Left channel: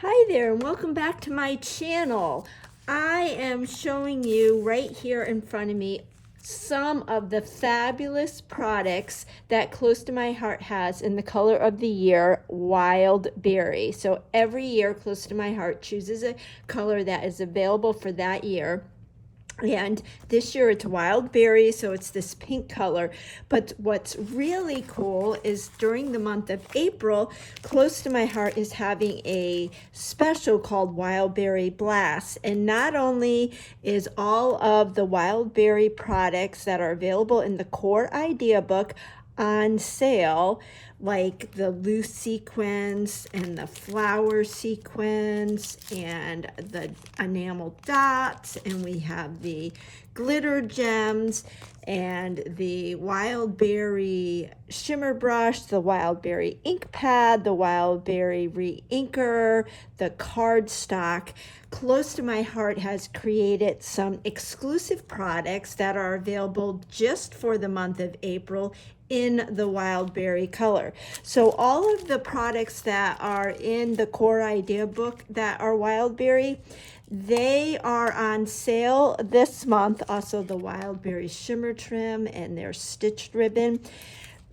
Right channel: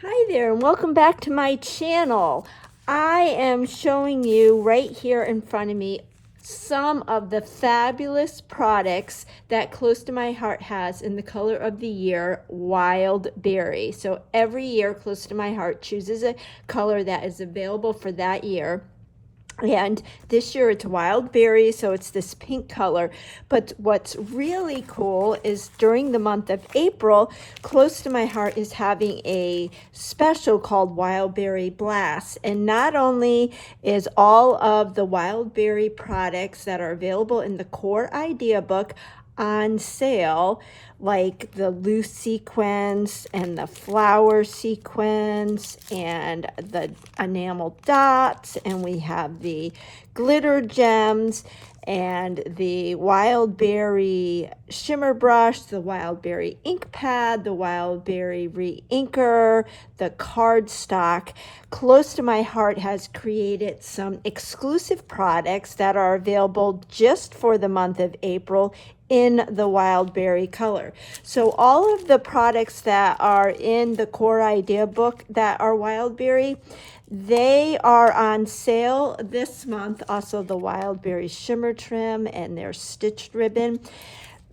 Hi there and welcome back to my channel. I am showing you right here in front of me some of the fabulous products that Close to My Heart has in the color of the year, Wild Berry. So every year Close to My Heart chooses a color that is available for that year. And this year it's wild berry, so it's this pink color. But what's really cool is during the month of April, Close to My Heart is having a special called Wild Berry Blast. And not only is all of the wild berry products that are available in the core idea book on sale, like the loose sequins and the flower sequins and the enamel dots, and we have the glitter gems and the wild berry shimmer brush, the wild berry ink pad, the wild berry re-inker, the cardstock. Close to My Heart has created some exclusive products that are available just for the month of April in the wild berry color. So all of the products that are in the core idea book that are wild berry, they are on sale this month. Also the wild berry shimmer trim and their stitched ribbon.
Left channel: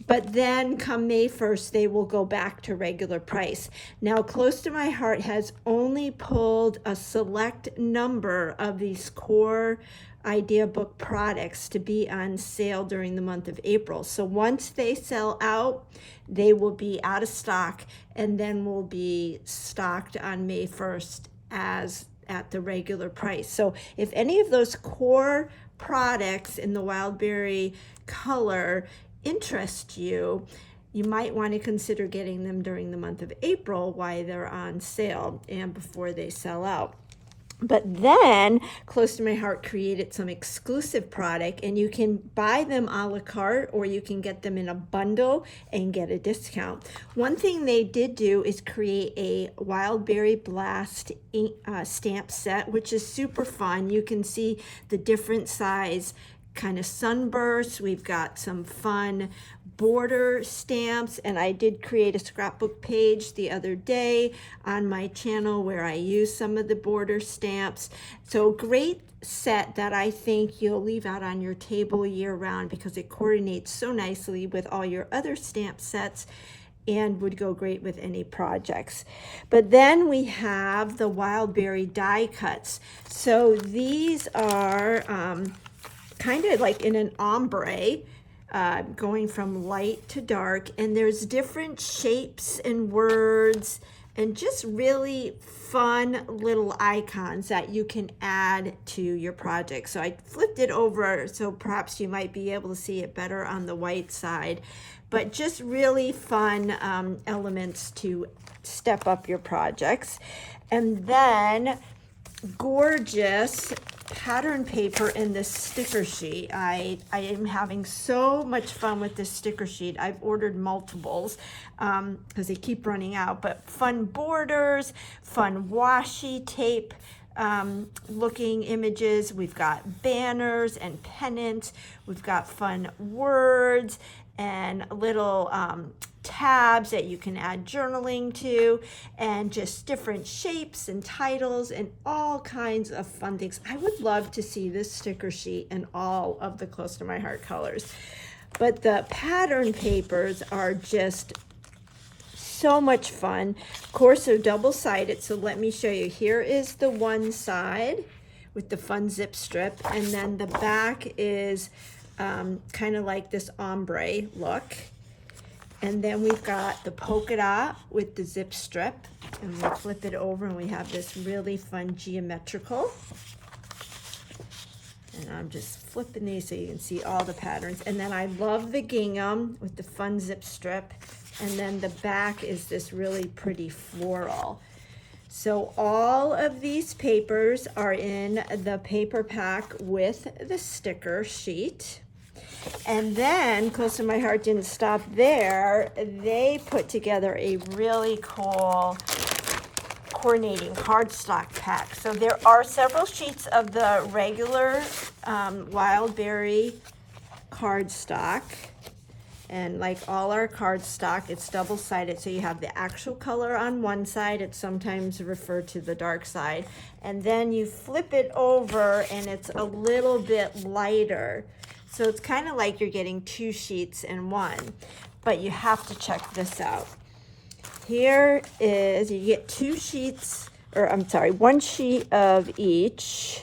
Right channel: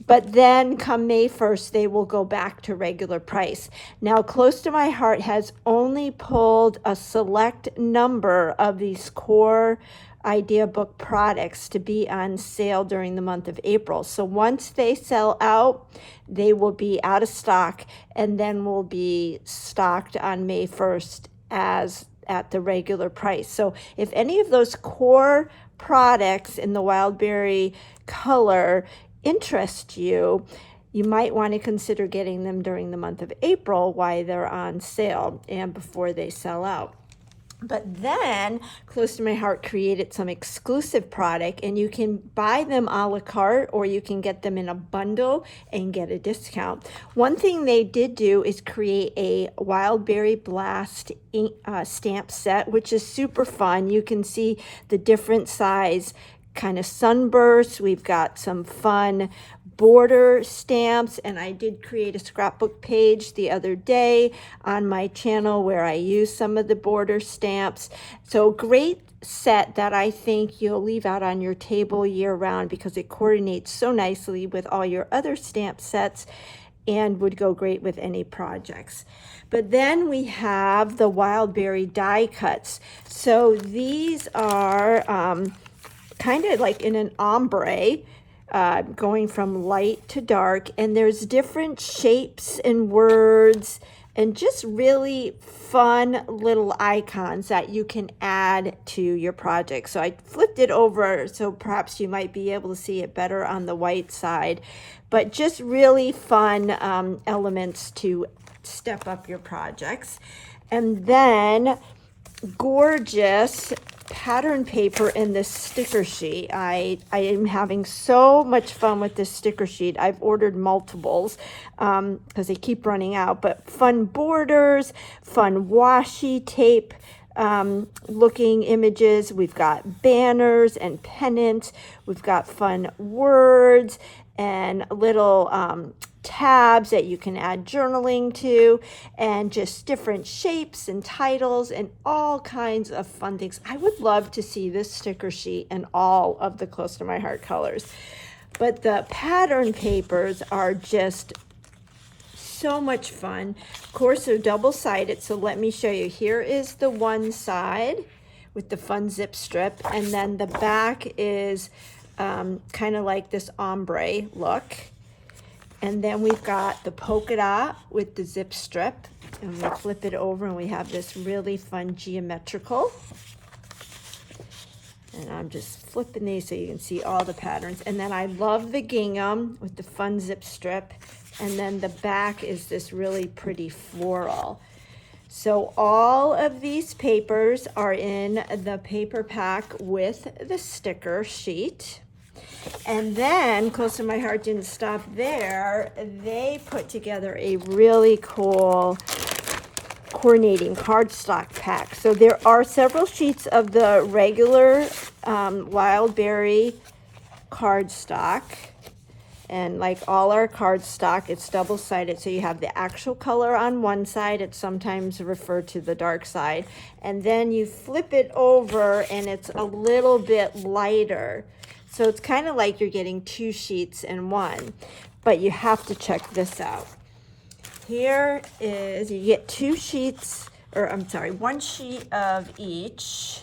But then come May 1st, they will go back to regular price. Now, Close to My Heart has only pulled a select number of these core idea book products to be on sale during the month of April. So once they sell out, they will be out of stock and then will be stocked on May 1st as at the regular price. So if any of those core products in the wild berry color interest you, you might want to consider getting them during the month of April while they're on sale and before they sell out. But then Close to My Heart created some exclusive product, and you can buy them a la carte or you can get them in a bundle and get a discount. One thing they did do is create a Wild Berry Blast stamp set, which is super fun. You can see the different size kind of sunbursts. We've got some fun border stamps, and I did create a scrapbook page the other day on my channel where I use some of the border stamps. So great set that I think you'll leave out on your table year round because it coordinates so nicely with all your other stamp sets and would go great with any projects. But then we have the wild berry die cuts. So these are kind of like in an ombre, going from light to dark, and there's different shapes and words and just really fun little icons that you can add to your project. So I flipped it over so perhaps you might be able to see it better on the white side, but just really fun elements to step up your projects. And then gorgeous pattern paper in this sticker sheet. I am having so much fun with this sticker sheet. I've ordered multiples because they keep running out, but fun borders, fun washi tape looking images. We've got banners and pennants. We've got fun words and little tabs that you can add journaling to, and just different shapes and titles and all kinds of fun things. I would love to see this sticker sheet in all of the Close to My Heart colors. But the pattern papers are just so much fun. Of course, they're double-sided, so let me show you. Here is the one side with the fun zip strip, and then the back is kind of like this ombre look. And then we've got the polka dot with the zip strip, and we'll flip it over and we have this really fun geometrical. And I'm just flipping these so you can see all the patterns. And then I love the gingham with the fun zip strip. And then the back is this really pretty floral. So all of these papers are in the paper pack with the sticker sheet. And then Close to My Heart didn't stop there. They put together a really cool coordinating cardstock pack. So there are several sheets of the regular wild berry cardstock. And like all our cardstock, it's double-sided, so you have the actual color on one side. It's sometimes referred to the dark side. And then you flip it over and it's a little bit lighter. So it's kind of like you're getting two sheets in one. But you have to check this out. Here is, you get two sheets, or I'm sorry, one sheet of each.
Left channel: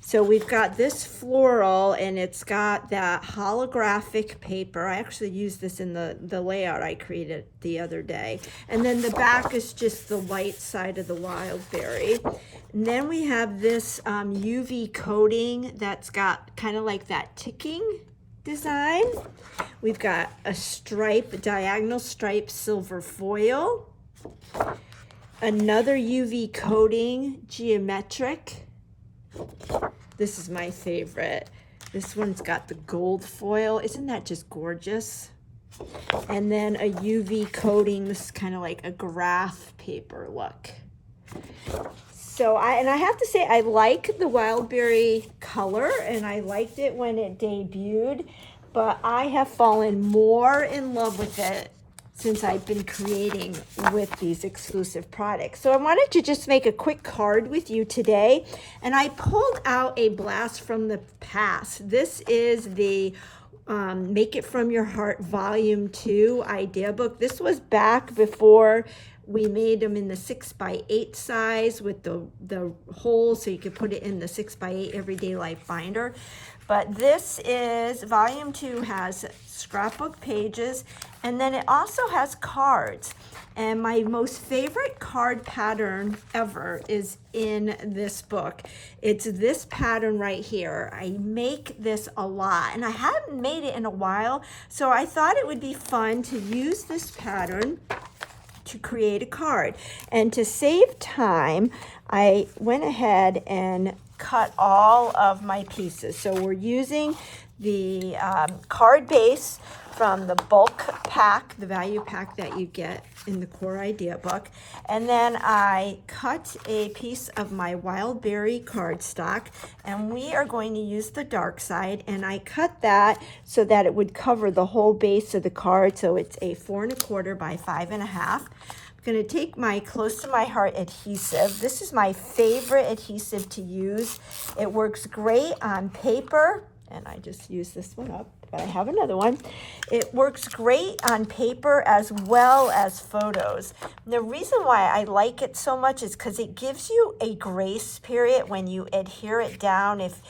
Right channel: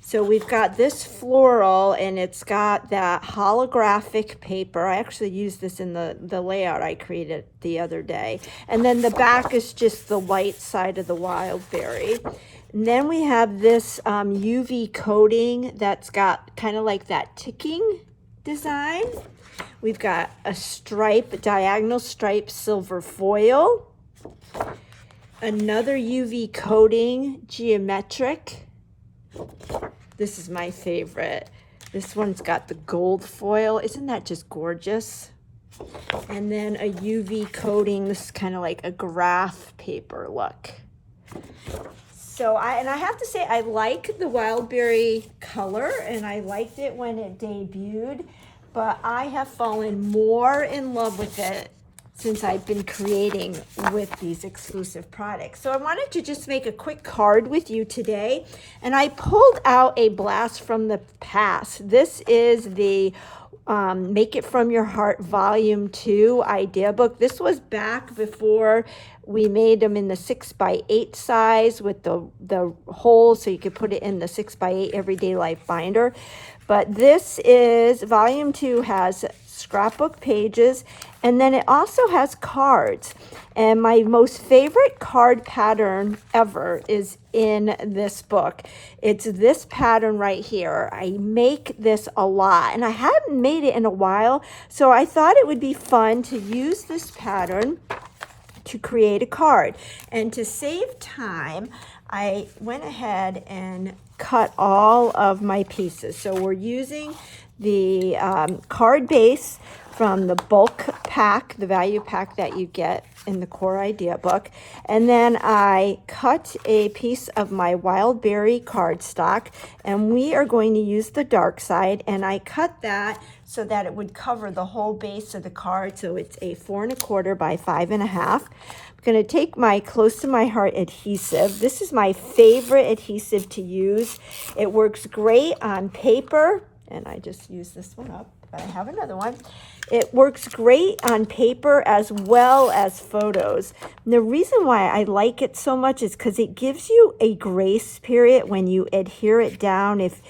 So we've got this floral, and it's got that holographic paper. I actually used this in the layout I created the other day. And then the back is just the white side of the wild berry. And then we have this UV coating that's got kind of like that ticking design. We've got a stripe, diagonal stripe silver foil. Another UV coating, geometric. This is my favorite. This one's got the gold foil. Isn't that just gorgeous? And then a UV coating. This is kind of like a graph paper look. So I have to say, I like the wild berry color, and I liked it when it debuted, but I have fallen more in love with it since I've been creating with these exclusive products. So I wanted to just make a quick card with you today, and I pulled out a blast from the past. This is the Make It From Your Heart Volume 2 idea book. This was back before we made them in the 6x8 size with the holes so you could put it in the 6x8 Everyday Life binder. But this is, Volume 2 has scrapbook pages, and then it also has cards. And my most favorite card pattern ever is in this book. It's this pattern right here. I make this a lot, and I hadn't made it in a while, so I thought it would be fun to use this pattern to create a card. And to save time, I went ahead and cut all of my pieces. So we're using the card base from the bulk pack, the value pack that you get in the Core Idea book. And then I cut a piece of my wild berry cardstock, and we are going to use the dark side, and I cut that so that it would cover the whole base of the card. So it's a 4 1/4 by 5 1/2. I'm going to take my Close to My Heart adhesive. This is my favorite adhesive to use. It works great on paper, and I just used this one up, but I have another one. It works great on paper as well as photos. And the reason why I like it so much is because it gives you a grace period when you adhere it down. If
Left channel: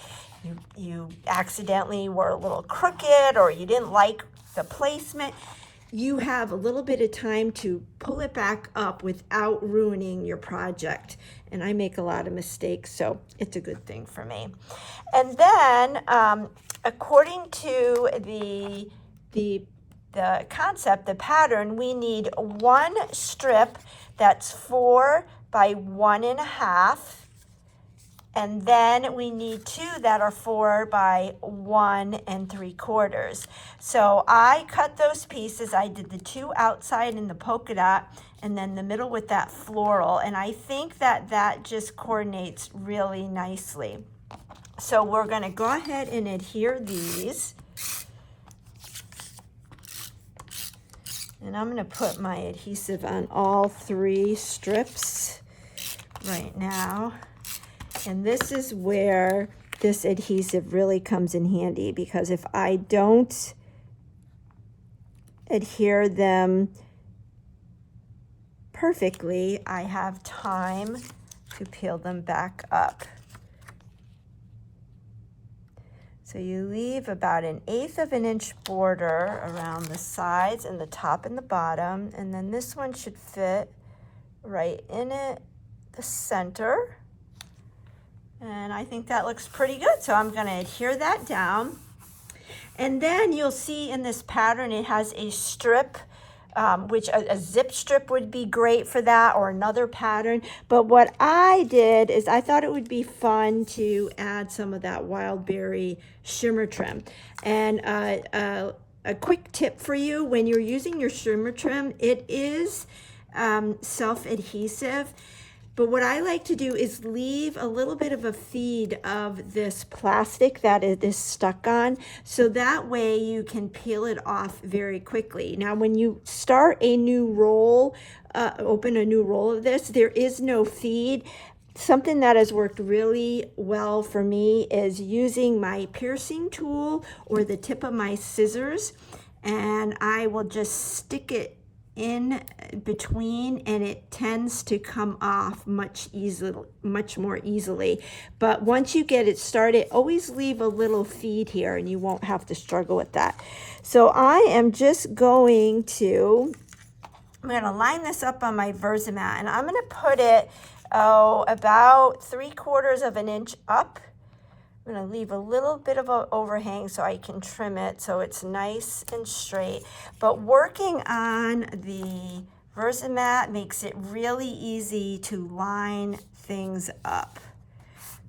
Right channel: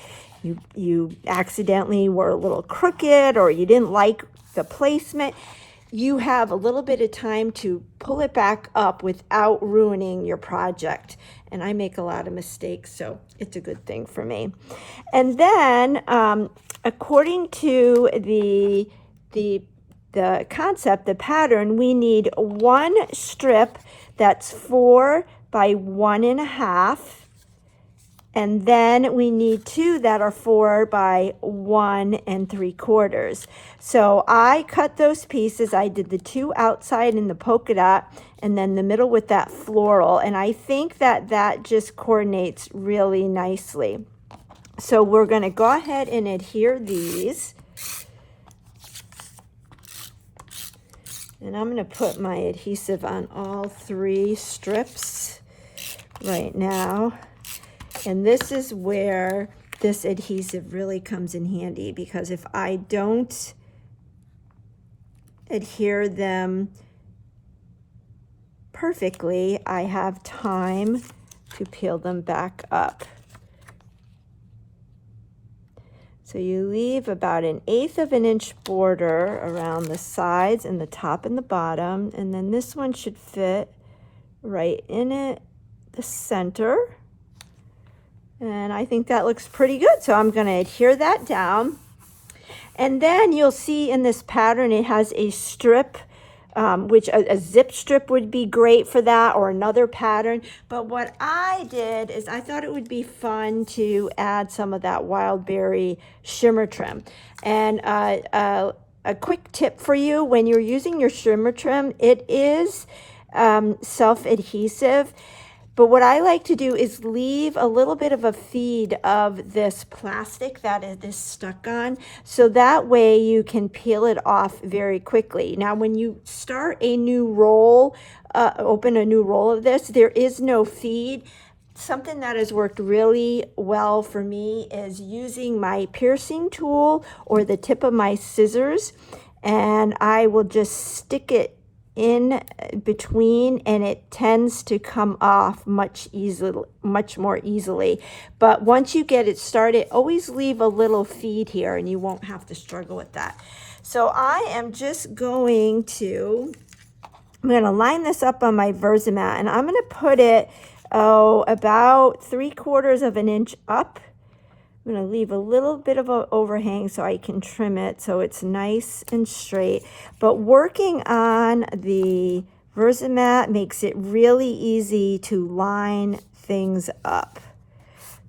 you accidentally were a little crooked or you didn't like the placement, you have a little bit of time to pull it back up without ruining your project. And I make a lot of mistakes, so it's a good thing for me. And then according to the concept, the pattern, we need one strip that's 4 by 1 1/2, and then we need 2 that are 4 by 1 3/4. So I cut those pieces. I did the 2 outside in the polka dot, and then the middle with that floral, and I think that that just coordinates really nicely. So we're going to go ahead and adhere these. And I'm going to put my adhesive on all 3 strips right now. And this is where this adhesive really comes in handy, because if I don't adhere them perfectly, I have time to peel them back up. So you leave about 1/8 of an inch border around the sides and the top and the bottom, and then this one should fit right in it, the center. And I think that looks pretty good, so I'm going to adhere that down. And then you'll see in this pattern it has a strip, which a zip strip would be great for that, or another pattern. But what I did is I thought it would be fun to add some of that wild berry shimmer trim. And a quick tip for you, when you're using your shimmer trim, it is self-adhesive. But what I like to do is leave a little bit of a feed of this plastic that it is stuck on, so that way you can peel it off very quickly. Now, when you start a new roll, open a new roll of this, there is no feed. Something that has worked really well for me is using my piercing tool or the tip of my scissors, and I will just stick it in between, and it tends to come off much more easily. But once you get it started, always leave a little feed here and you won't have to struggle with that. So I am just going to, I'm going to line this up on my Versamat, and I'm going to put it about 3/4 of an inch up. I'm going to leave a little bit of an overhang so I can trim it so it's nice and straight. But working on the Versamat makes it really easy to line things up.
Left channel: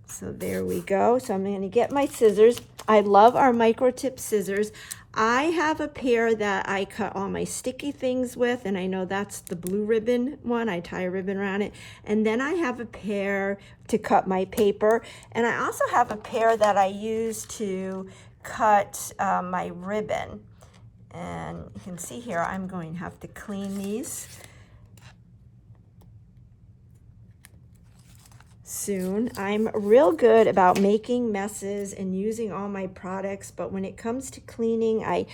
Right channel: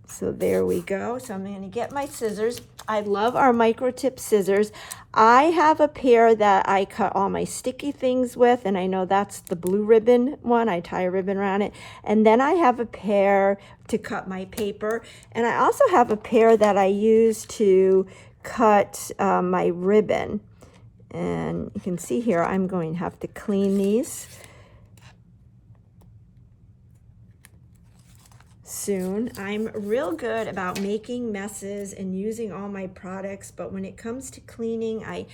So there we go. So I'm going to get my scissors. I love our micro tip scissors. I have a pair that I cut all my sticky things with, and I know that's the blue ribbon one. I tie a ribbon around it. And then I have a pair to cut my paper. And I also have a pair that I use to cut my ribbon. And you can see here, I'm going to have to clean these soon. I'm real good about making messes and using all my products, but when it comes to cleaning, I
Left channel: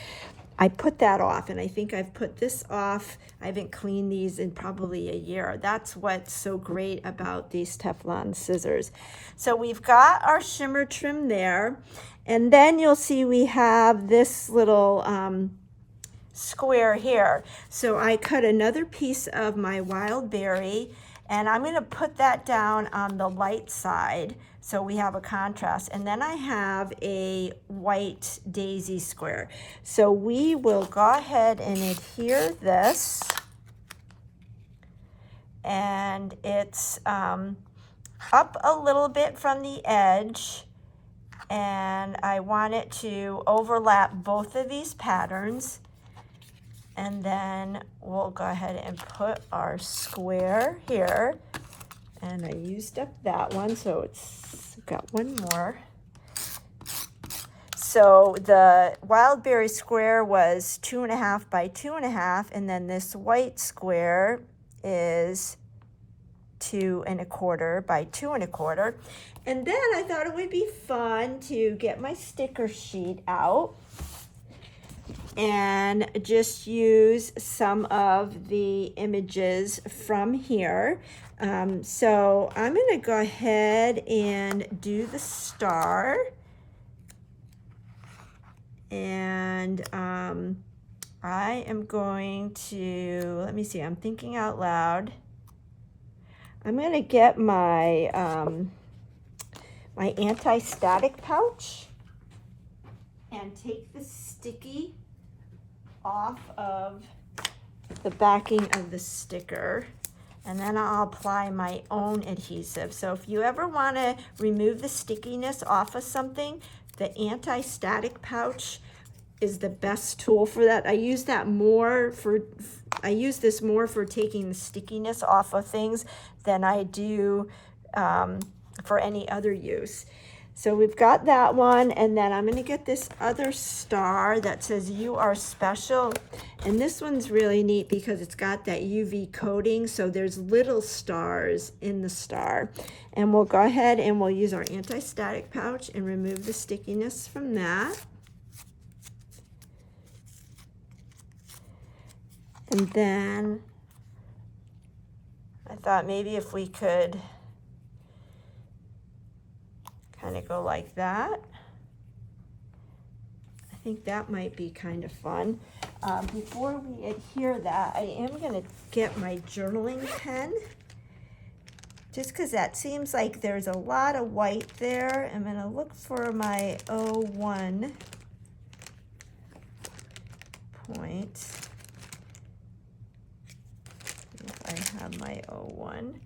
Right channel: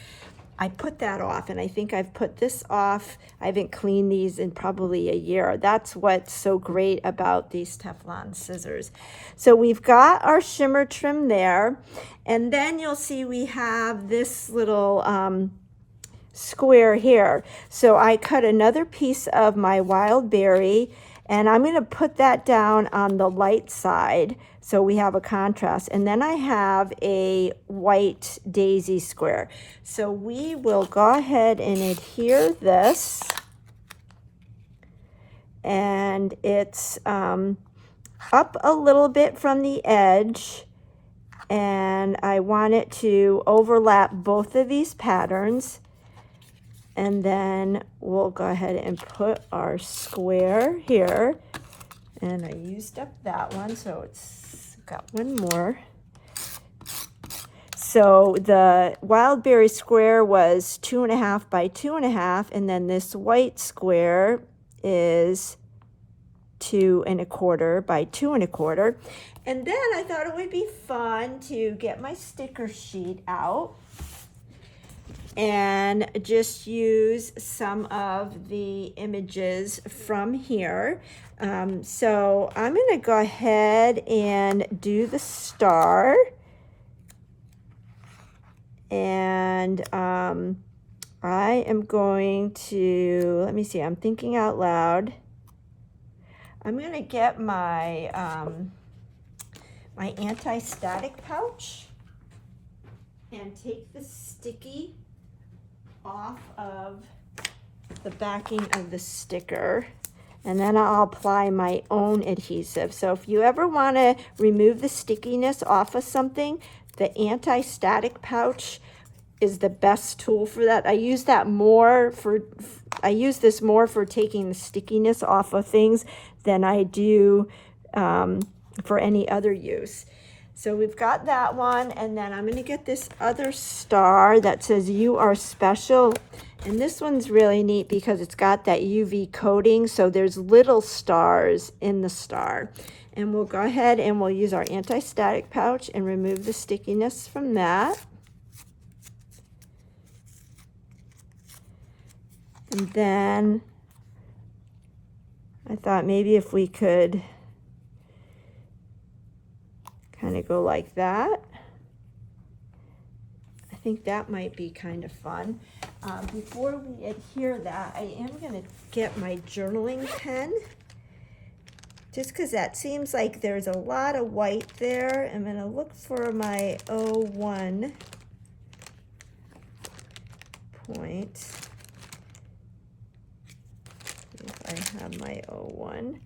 put that off, and I think I've put this off. I haven't cleaned these in probably a year. That's what's so great about these Teflon scissors. So we've got our shimmer trim there, and then you'll see we have this little square here. So I cut another piece of my wild berry, and I'm going to put that down on the light side so we have a contrast. And then I have a white daisy square. So we will go ahead and adhere this. And it's up a little bit from the edge. And I want it to overlap both of these patterns. And then we'll go ahead and put our square here. And I used up that one, so it's got one more. So the wild berry square was 2.5 by 2.5, and then this white square is 2.25 by 2.25. And then I thought it would be fun to get my sticker sheet out and just use some of the images from here. So I'm going to go ahead and do the star. And I am going to, let me see, I'm thinking out loud. I'm going to get my, my anti-static pouch and take the sticky off of the backing of the sticker, and then I'll apply my own adhesive. So if you ever want to remove the stickiness off of something, the anti-static pouch is the best tool for that. I use that more for, I use this more for taking the stickiness off of things than I do for any other use. So we've got that one, and then I'm going to get this other star that says "You Are Special," and this one's really neat because it's got that UV coating, so there's little stars in the star. And we'll go ahead and we'll use our anti-static pouch and remove the stickiness from that. And then I thought maybe if we could kind of go like that. I think that might be kind of fun. Before we adhere that, I am going to get my journaling pen, just because that seems like there's a lot of white there. I'm going to look for my 01 point. If I have my 01.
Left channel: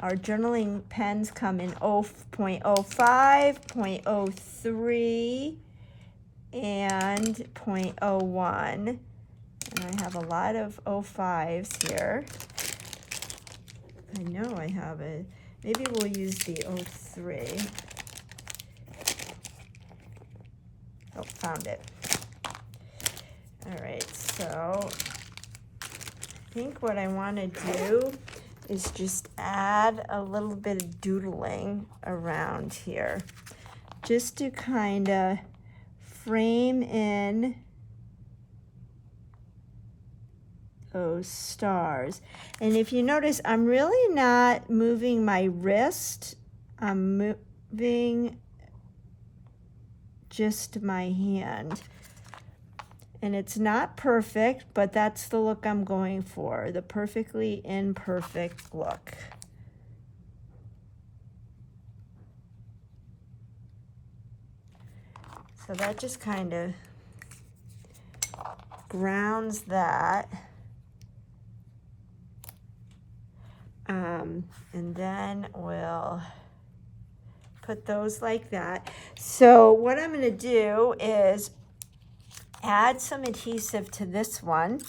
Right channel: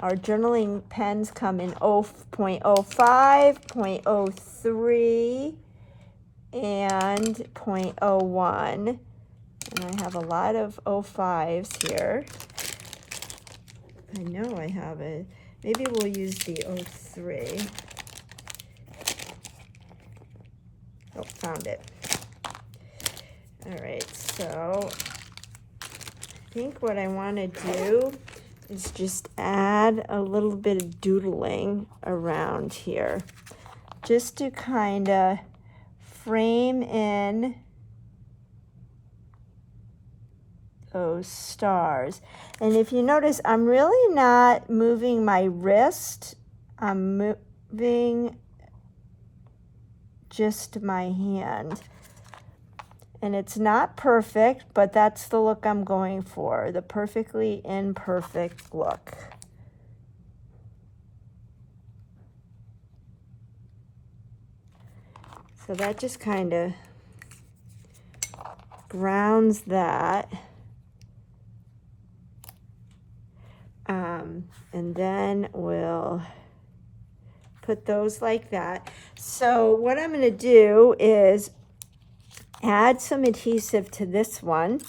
Our journaling pens come in 0.05, 0.03, and 0.01. And I have a lot of 05s here. I know I have it. Maybe we'll use the 03. Oh, found it. All right, so I think what I want to do is just add a little bit of doodling around here, just to kind of frame in those stars. And if you notice, I'm really not moving my wrist. I'm moving just my hand. And it's not perfect, but that's the look I'm going for, the perfectly imperfect look. So that just kind of grounds that. And then we'll put those like that. So what I'm going to do is add some adhesive to this one.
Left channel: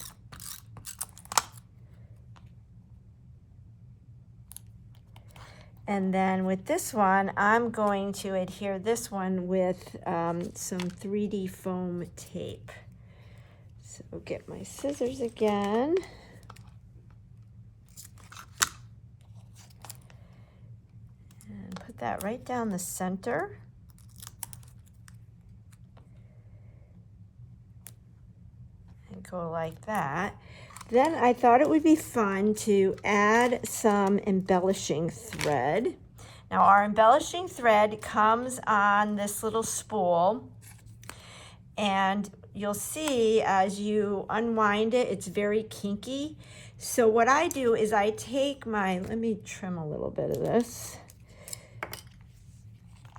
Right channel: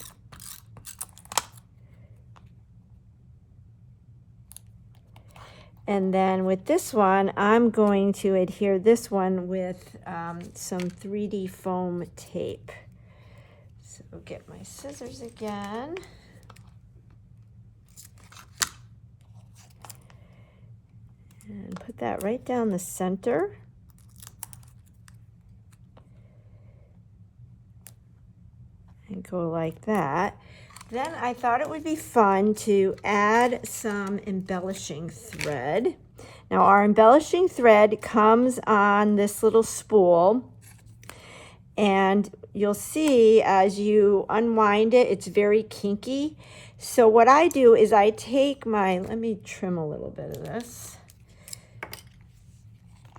And then with this one, I'm going to adhere this one with some 3D foam tape. So get my scissors again. And put that right down the center. And go like that. Then I thought it would be fun to add some embellishing thread. Now our embellishing thread comes on this little spool, and you'll see as you unwind it, it's very kinky. So what I do is I take my, let me trim a little bit of this.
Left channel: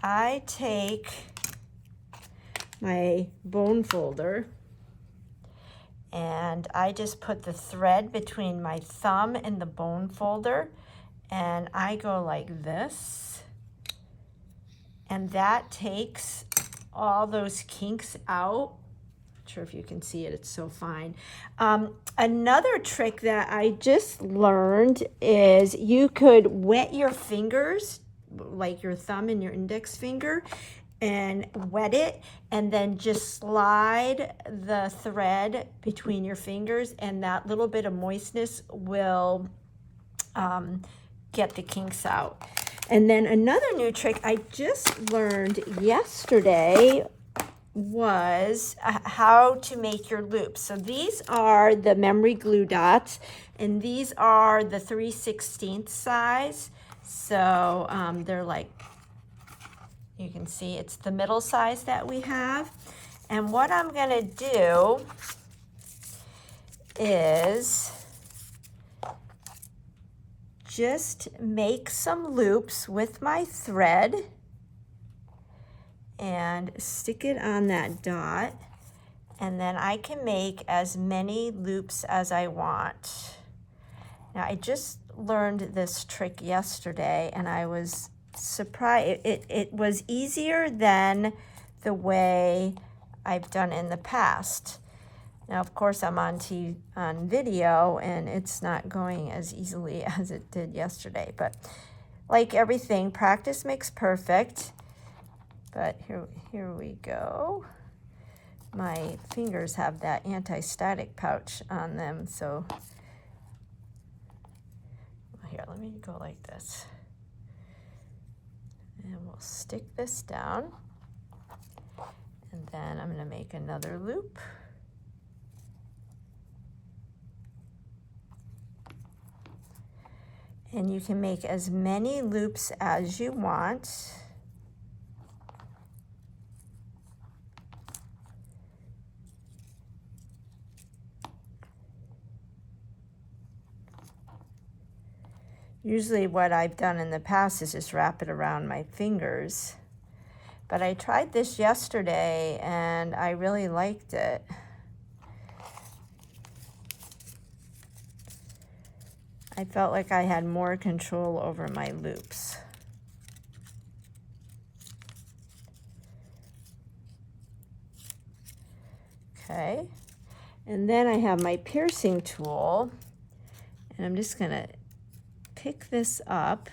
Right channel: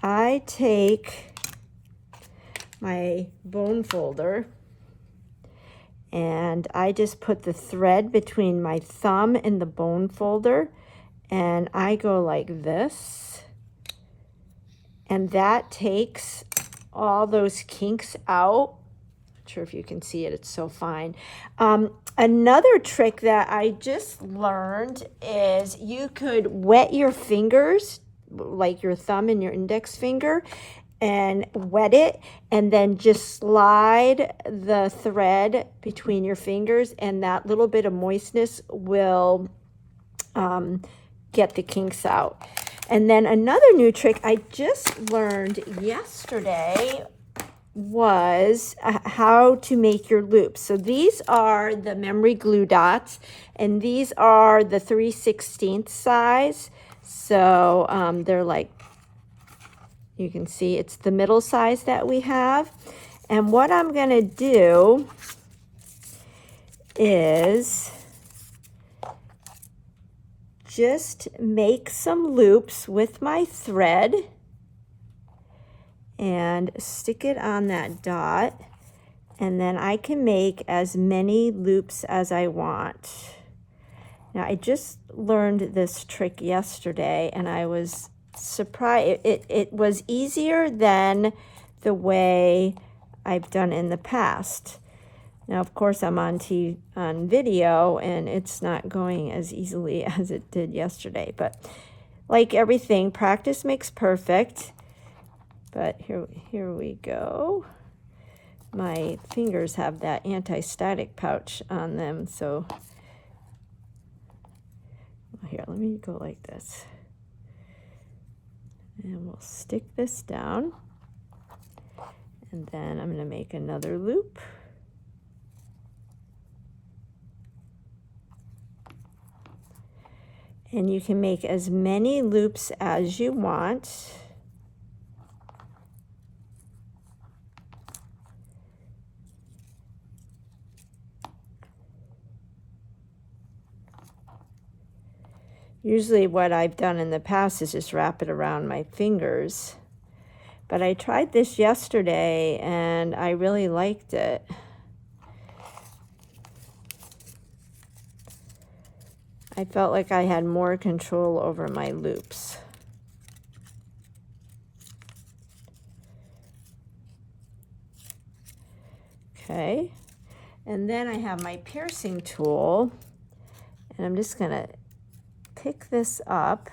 I take my bone folder and I just put the thread between my thumb and the bone folder, and I go like this, and that takes all those kinks out. Not sure if you can see it, it's so fine. Another trick that I just learned is you could wet your fingers, like your thumb and your index finger, and wet it, and then just slide the thread between your fingers, and that little bit of moistness will get the kinks out. And then another new trick I just learned yesterday was how to make your loops. So these are the memory glue dots, and these are the 3/16 size. So they're like, you can see it's the middle size that we have. And what I'm going to do is just make some loops with my thread and stick it on that dot, and then I can make as many loops as I want. Now I just learned this trick yesterday, and I was surprised. It was easier than the way I've done in the past. Now of course I'm on video, and it's not going as easily as it did yesterday, but like everything, practice makes perfect. But here we go. My fingers have that anti-static pouch on them, so here, let me go like this. And we'll stick this down. And then I'm going to make another loop. And you can make as many loops as you want. Usually what I've done in the past is just wrap it around my fingers. But I tried this yesterday and I really liked it. I felt like I had more control over my loops. Okay, and then I have my piercing tool, and I'm just gonna pick this up.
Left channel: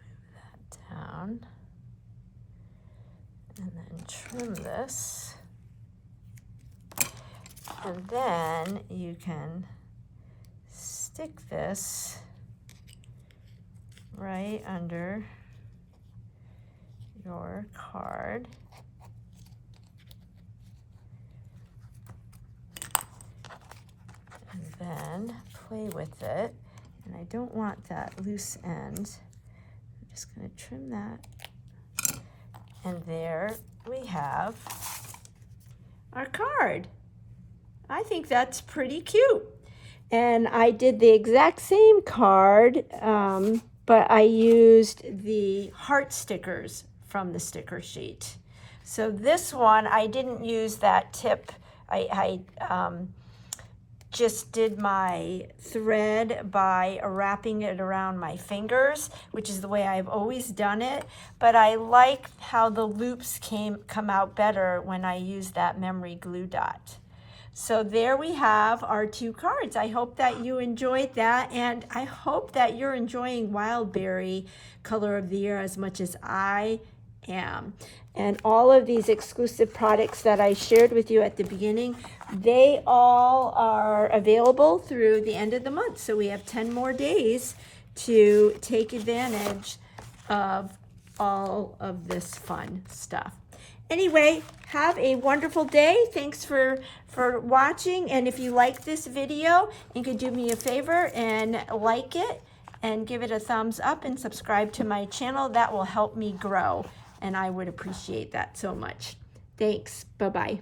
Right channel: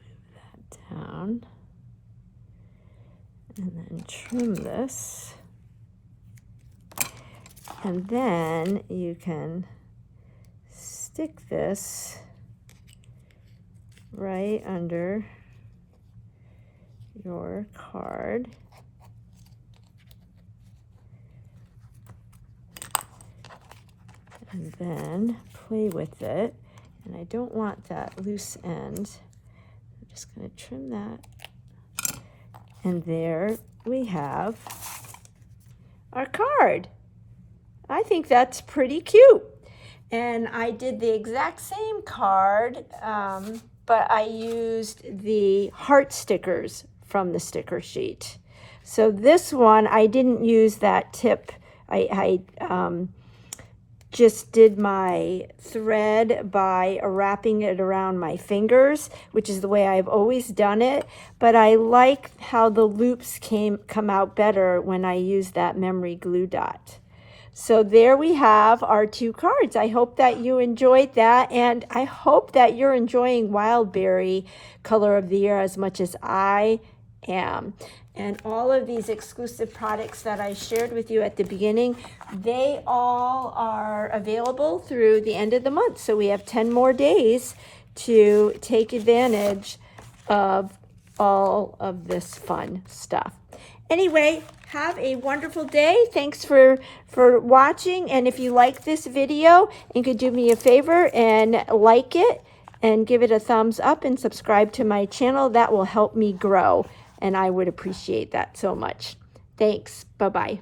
Move that down. And then trim this. And then you can stick this right under your card. And then play with it. And I don't want that loose end. I'm just going to trim that. And there we have our card. I think that's pretty cute. And I did the exact same card, but I used the heart stickers from the sticker sheet. So this one, I didn't use that tip. I just did my thread by wrapping it around my fingers, which is the way I've always done it. But I like how the loops come out better when I use that memory glue dot. So there we have our two cards. I hope that you enjoyed that, and I hope that you're enjoying Wildberry Color of the Year as much as I am. And all of these exclusive products that I shared with you at the beginning, they all are available through the end of the month. So we have 10 more days to take advantage of all of this fun stuff. Anyway, have a wonderful day. Thanks for watching. And if you like this video, you could do me a favor and like it and give it a thumbs up and subscribe to my channel. That will help me grow, and I would appreciate that so much. Thanks. Bye-bye.